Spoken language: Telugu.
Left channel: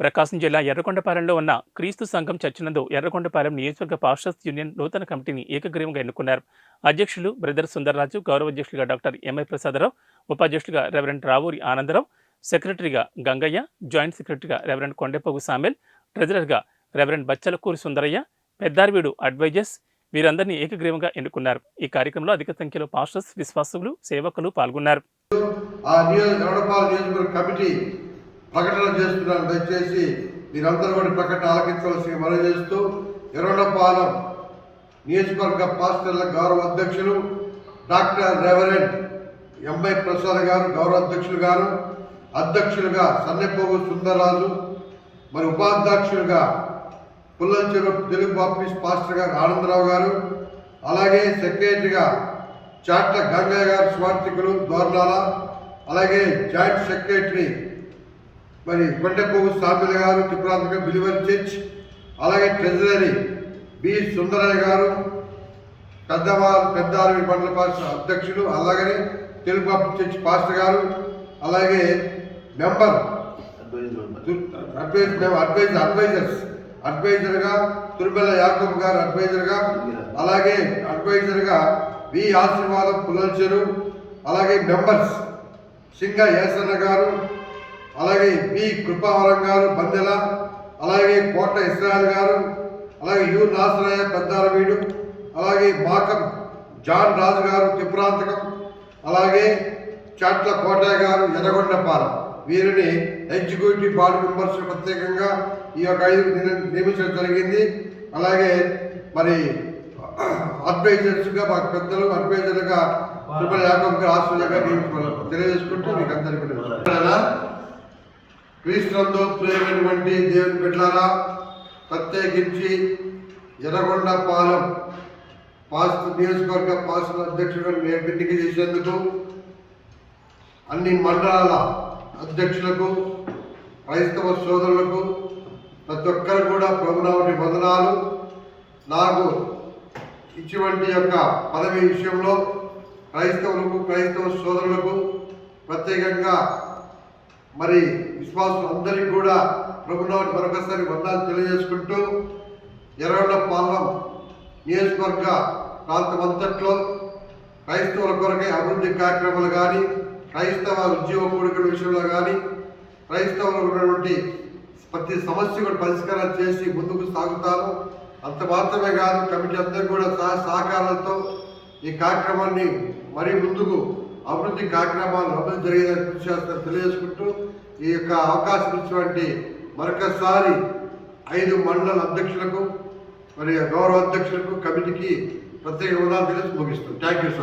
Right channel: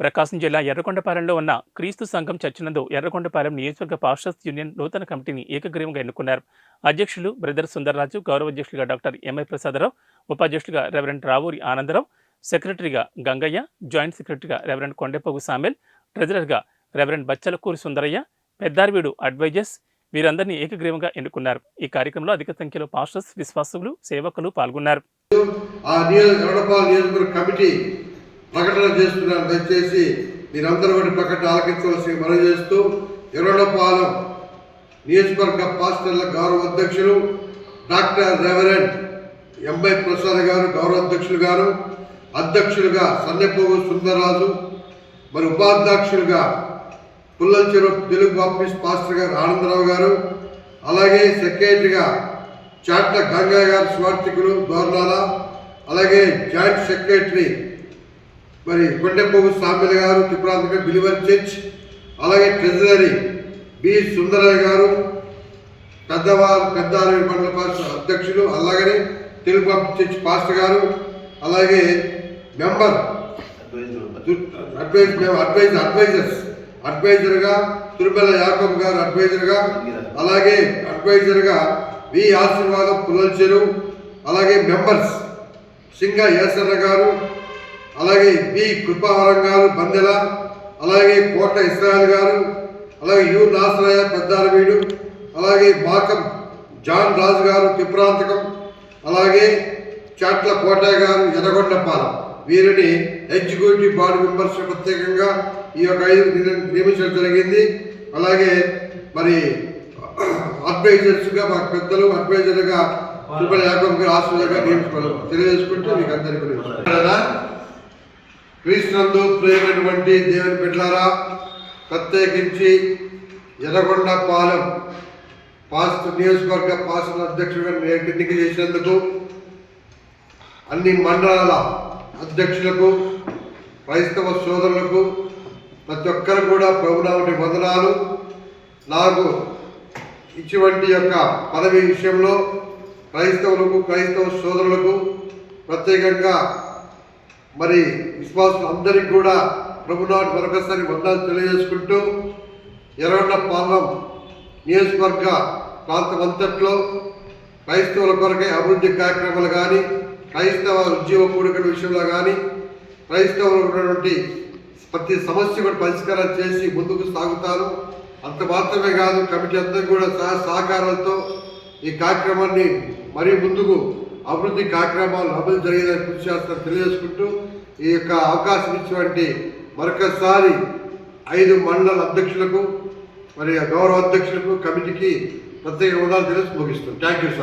ప్రకాశం జిల్లా ఎర్రకొండపాలెంలో ఉన్న క్రీస్తు సంఘం చర్చినందు ఎర్రకొండపాలెం నియోజకవర్గ పాస్టర్స్ యూనియన్ నూతన కమిటీని ఏకగ్రీవంగా ఎన్నుకున్నారు. అధ్యక్షులు బ్రదర్ సుందరరాజు గౌరవ అధ్యక్షులుగా డాక్టర్ ఎంఐ ప్రసాదరావు ఉపాధ్యక్షులుగా రెవరెండ్ రావూరి ఆనందరావు సెక్రటరీగా గంగయ్య జాయింట్ సెక్రటరీగా రెవరెండ్ కొండెపోగు సామెల్ ట్రెజరర్గా రెవరెండ్ బచ్చలకూరి సుందరయ్య పెద్దార్వీడు అడ్వైజర్స్ వీరందరినీ ఏకగ్రీవంగా ఎన్నుకున్నారు. ఈ కార్యక్రమంలో అధిక సంఖ్యలో పాస్టర్స్ విశ్వాసులు సేవకులు పాల్గొన్నారు. ఆ నియోజకవర్గ కమిటీ ప్రకటన చేస్తున్నాను. దయచేసి మీరందరూ కూడా ప్రకటన ఆలకించవలసి మనవి చేస్తూ ఎర్రడపాలెం నియోజకవర్గ పాస్టర్ల గౌరవ అధ్యక్షులు డాక్టర్ రెవరెండ్ ఎంఐ ప్రసాద్ గారు గౌరవ అధ్యక్షులు గారు అధ్యక్షులుగా సన్నెపోగు సుందరరాజు మరి ఉపాధ్యక్షులుగా పుల్లల చెరువు తెలుగు బాప్టిస్ట్ పాస్టర్ గారు ఆనందరావు గారు అలాగే సెక్రటరీగా చాట్ల గంగా గారు స్వార్థికులు దోర్నాల అలాగే జాయింట్ సెక్రటరీ మరి కొండెపోగు సామిల గారు త్రిపురాంతక బిలివర్ చర్చ్ అలాగే ట్రెజరీ బి. సుందరయ్య గారు పెద్దవారు పెద్దారు మండల పాస్టర్ అధ్యక్షులు అలాగనే తెలుగు చర్చ్ పాస్టర్ గారు అలాగే మెంబర్ అడ్వైజ్ మేము అడ్వైజ్ అడ్వైజర్స్ అడ్వైజర్గా తిరుమల యాకబ్ గారు అడ్వైజర్గా అలాగే అడ్వైజర్గా వి. ఆశీర్వాదం పుల్లల అలాగే మెంబర్స్ సింగ ఏసన్న గారు అలాగే బి కృపావరం గారు బందెల అలాగే కోట ఇస్రాయల్ గారు అలాగే యు నాసరాయ పెద్దారవీడు అలాగే మాకం జాన్ రాజు గారు తిప్రాంతకం అలాగే చాట్ల కోటయ్య గారు ఎర్రగొండపాలెం. వీరిని ఎగ్జిక్యూటివ్ బాడీ మెంబర్స్ ప్రత్యేకంగా ఈ యొక్క ఐదు నియమించడం జరిగింది. అలాగే మరి అడ్వైజర్స్గా మాకు పెద్దలు అడ్వైజర్గా తిరుపతి యాకబ్ గారు ఆశ్రయంగా నియమించుకోవాలి తెలియజేసుకుంటూ మీకు అందరికీ క్రీస్తునందు ప్రేమైనటువంటి దేవుని బిడ్డలారా ప్రత్యేకించి ఎర్రగొండ పాలెం పాస్ట్ నియోజకవర్గ పాస్టర్ అధ్యక్షుడిగా నేను ఎన్నిక చేసినందుకు అన్ని మండలాల అధ్యక్షులకు క్రైస్తవ సోదరులకు ప్రతి ఒక్కరు కూడా ప్రభునామటి వందనాలు. నాకు ఇటువంటి యొక్క పదవి విషయంలో క్రైస్తవులకు క్రైస్తవ సోదరులకు ప్రత్యేకంగా మరి విశ్వాసులందరికీ కూడా ప్రభునాటి మరొకసారి వందలు తెలియజేసుకుంటూ ఎర్రగొండ నియోజకవర్గ ప్రాంతం అంతట్లో క్రైస్తవుల కొరకై అభివృద్ధి కార్యక్రమాలు కానీ క్రైస్తవ ఉద్యోగ కోరికల విషయంలో కానీ క్రైస్తవులు ఉన్నటువంటి ప్రతి సమస్య కూడా పరిష్కారం చేసి ముందుకు సాగుతారు. అంత మాత్రమే కాదు కమిటీ అంతా కూడా సహ సహకారాలతో ఈ కార్యక్రమాన్ని మరీ ముందుకు అభివృద్ధి కార్యక్రమాలు అభివృద్ధి జరిగేదని కృషి చేస్తారని తెలియజేసుకుంటూ ఈ యొక్క అవకాశం ఇచ్చినటువంటి మరొకసారి ఐదు మండల అధ్యక్షులకు మరి గౌరవ అధ్యక్షులకు కమిటీకి ప్రత్యేక హోదాలు తెలిసి ముగిస్తుంది థ్యాంక్ యూ సార్